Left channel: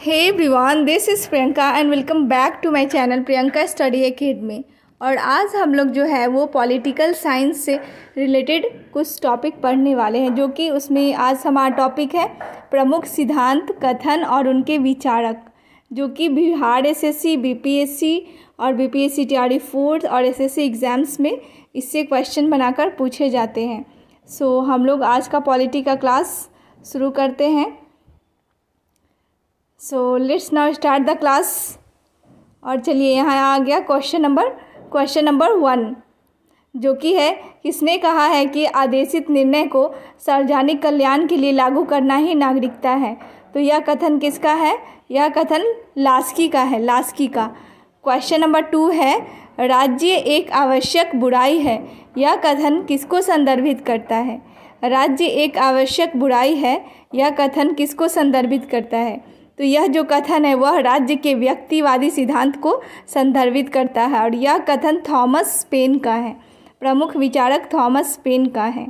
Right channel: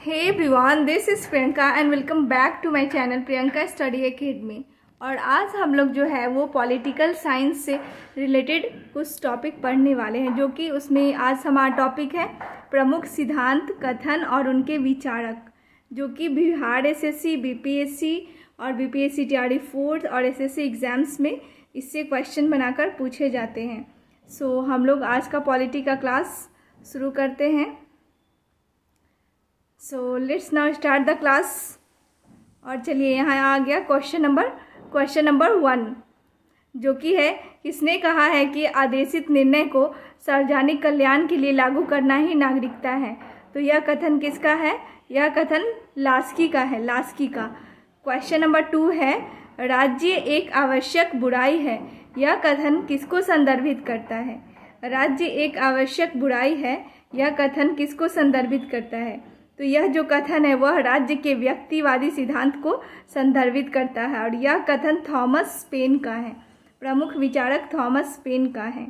Hey everyone, this is Priyanka and welcome back to my channel Priyanka study academy. और आज हम लोग जो है वो पॉलिटिकल साइंस से रिलेटेड कुछ टॉपिक पढ़ने वाले हैं, जो कि उसमें आज हमारा टॉपिक है प्रमुख सिद्धांत, कथन और उनके विचारक, जो कि बिहार एसएससी, बीपीएससी और बीपीएससी टीआरडी 4 और एसएससी एग्ज़ाम्स में इससे क्वेश्चन बनाकर पूछे जाते हैं। सो हम लोग आज का पॉलिटी का क्लास शुरू करते हैं। So let's now start the class. और चलिए यहाँ आ गया क्वेश्चन नंबर 1, जो कि है किसने कहा है कि आदेशित निर्णय को सार्वजनिक कल्याण के लिए लागू करना ही नागरिकता है। तो यह कथन किसका है? यह कथन लास्की का है, लास्की का। क्वेश्चन नंबर 2 है राज्य एक आवश्यक बुराई है। यह कथन किसको संदर्भित करता है? राज्य एक आवश्यक बुराई है, यह कथन किसको संदर्भित करता है? तो यह जो कथन है वह राज्य के व्यक्तिवादी सिद्धांत को संदर्भित करता है और यह कथन थॉमस पेन का है, प्रमुख विचारक थॉमस पेन का है।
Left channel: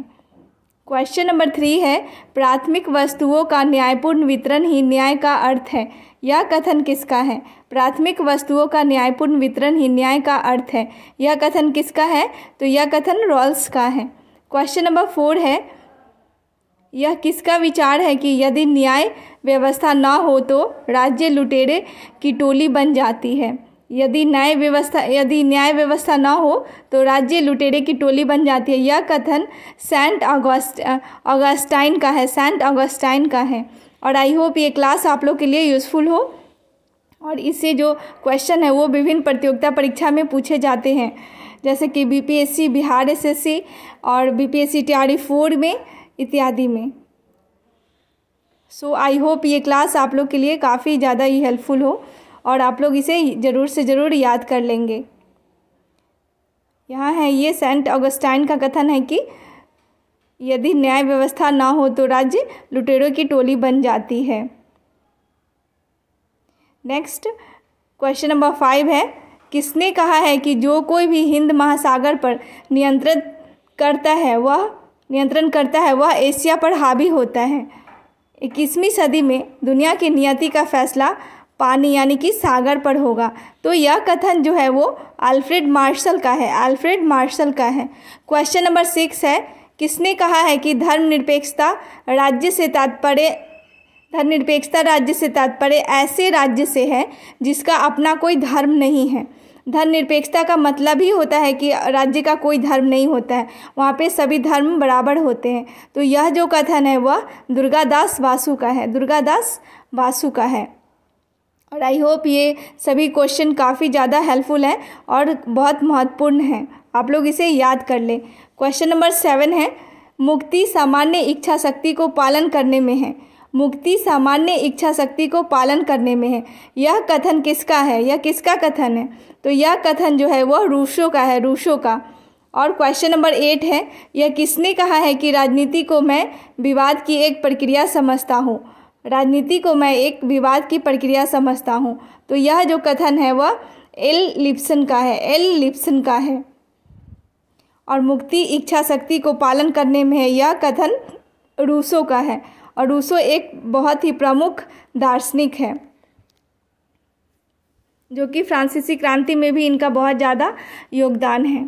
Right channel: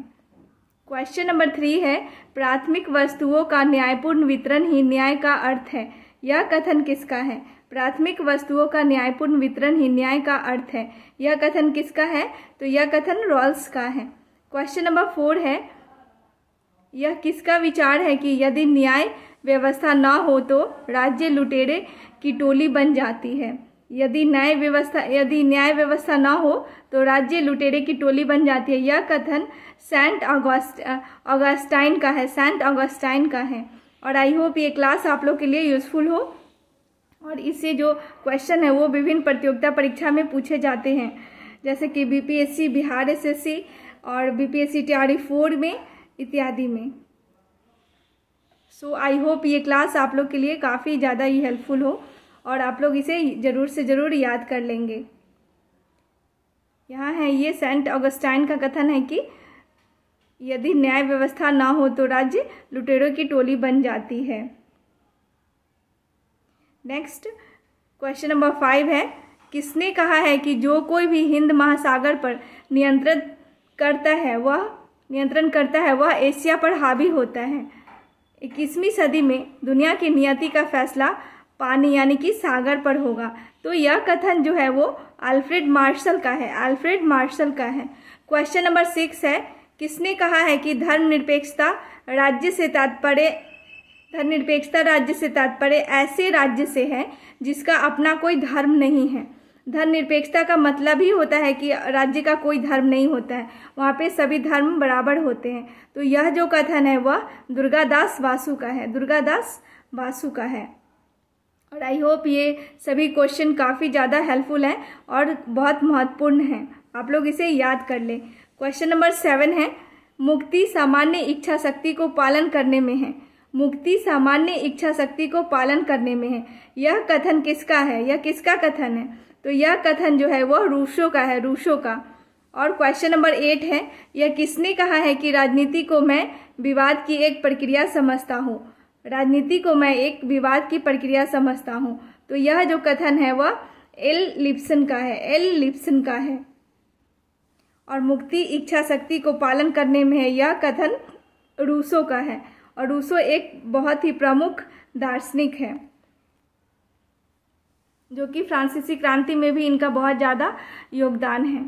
क्वेश्चन नंबर 3 है प्राथमिक वस्तुओं का न्यायपूर्ण वितरण ही न्याय का अर्थ है। यह कथन किसका है? प्राथमिक वस्तुओं का न्यायपूर्ण वितरण ही न्याय का अर्थ है, यह कथन किसका है? तो यह कथन रॉल्स का है। क्वेश्चन नंबर 4 है यह किसका विचार है कि यदि न्याय व्यवस्था ना हो तो राज्य लुटेरे की टोली बन जाती है। यदि न्याय व्यवस्था ना हो तो राज्य लुटेरे की टोली बन जाती है। यह कथन सेंट ऑगस्टाइन का है, सेंट ऑगस्टाइन का है। और आई होप ये क्लास आप लोग के लिए यूज़फुल हो। और इससे जो क्वेश्चन है वो विभिन्न प्रतियोगिता परीक्षा में पूछे जाते हैं, जैसे कि बीपीएससी, बिहार एसएससी और बीपीएससी टीआरडी 4 में इत्यादि में। सो आई होप ये क्लास आप लोग के लिए काफ़ी ज़्यादा ही हेल्पफुल हो और आप लोग इसे ज़रूर से ज़रूर याद कर लेंगे। यहाँ है ये सेंट ऑगस्टाइन का कथन है कि यदि न्याय व्यवस्था ना हो तो राज्य लुटेरों की टोली बन जाती है। नेक्स्ट क्वेश्चन नंबर 5 है किसने कहा है कि जो कोई भी हिंद महासागर पर नियंत्रण करता है वह एशिया पर हावी होता है। 21वीं सदी में दुनिया की नियति का फैसला पानी यानी कि सागर पर होगा। तो यह कथन जो है वो अल्फ्रेड मार्शल का है, अल्फ्रेड मार्शल का है। क्वेश्चन नंबर 6 है किसने कहा है कि धर्मनिरपेक्षता राज्य से तात्पर्य ऐसे राज्य से है जिसका अपना कोई धर्म नहीं है। धर्मनिरपेक्षता का मतलब ही होता है कि राज्य का कोई धर्म नहीं होता है, वहाँ पे सभी धर्म बराबर होते हैं। तो यह जो कथन है वह दुर्गादास बासु का है, दुर्गादास बासु का है। और आई होप ये सभी क्वेश्चन काफ़ी ज़्यादा हेल्पफुल हैं और बहुत महत्वपूर्ण हैं, आप लोग इसे याद कर लें। क्वेश्चन नंबर 7 है मुक्ति सामान्य इच्छा शक्ति को पालन करने में है। मुक्ति सामान्य इच्छा शक्ति को पालन करने में है, यह कथन किसका है? यह किसका कथन है? तो यह कथन जो है वह रूसो का है, रूसो का। और क्वेश्चन नंबर 8 है यह किसने कहा है कि राजनीति को मैं विवाद की एक प्रक्रिया समझता हूँ। राजनीति को मैं एक विवाद की प्रक्रिया समझता हूँ। तो यह जो कथन है वह एल लिप्सन का है, एल लिप्सन का है। और मुक्ति इच्छा शक्ति को पालन करने में है, यह कथन रूसो का है। और रूसो एक बहुत ही प्रमुख दार्शनिक है, जो कि फ्रांसीसी क्रांति में भी इनका बहुत ज़्यादा योगदान है।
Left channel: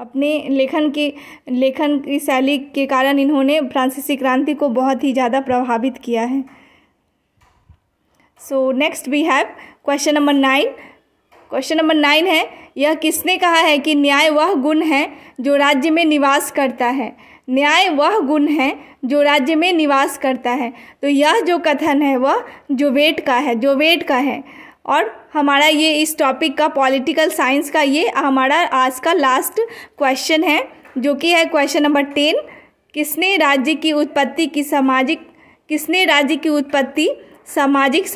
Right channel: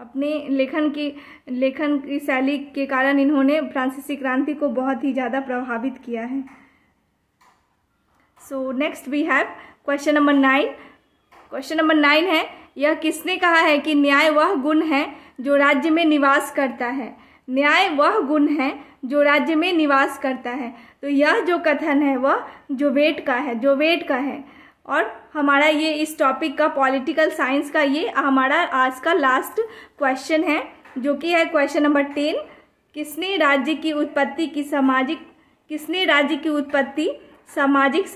अपने लेखन की शैली के कारण इन्होंने फ्रांसीसी क्रांति को बहुत ही ज़्यादा प्रभावित किया है। So next we have question number 9। Question number 9 है यह किसने कहा है कि न्याय वह गुण है जो राज्य में निवास करता है। न्याय वह गुण है जो राज्य में निवास करता है। तो यह जो कथन है वह जोवेट का है, जोवेट का है। और हमारा ये इस टॉपिक का पॉलिटिकल साइंस का ये हमारा आज का लास्ट क्वेश्चन है, जो कि है क्वेश्चन नंबर 10 किसने राज्य की उत्पत्ति सामाजिक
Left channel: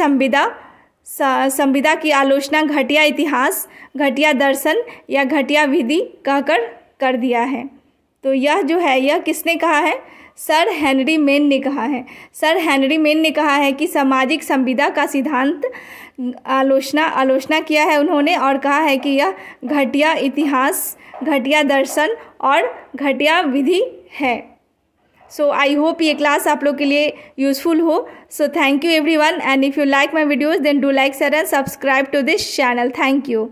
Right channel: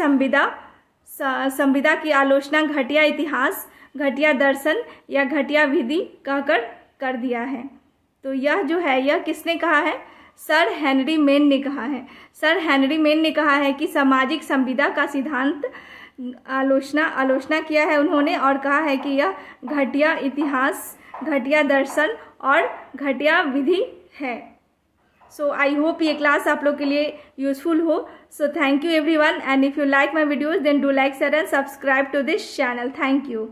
संविदा की आलोचना घटिया इतिहास, घटिया दर्शन या घटिया विधि कहकर कर दिया है। तो यह जो है यह किसने कहा है? सर हेनरी मेन ने कहा है। सर हेनरी मेन ने कहा है कि सामाजिक संविदा का सिद्धांत आलोचना किया है उन्होंने, और कहा है कि यह घटिया इतिहास, घटिया दर्शन और घटिया विधि है। सो आई होप ये क्लास आप लोग के लिए यूज़फुल हो. So thank you everyone, and if you like my videos then do like, share and subscribe to this channel. Thank you.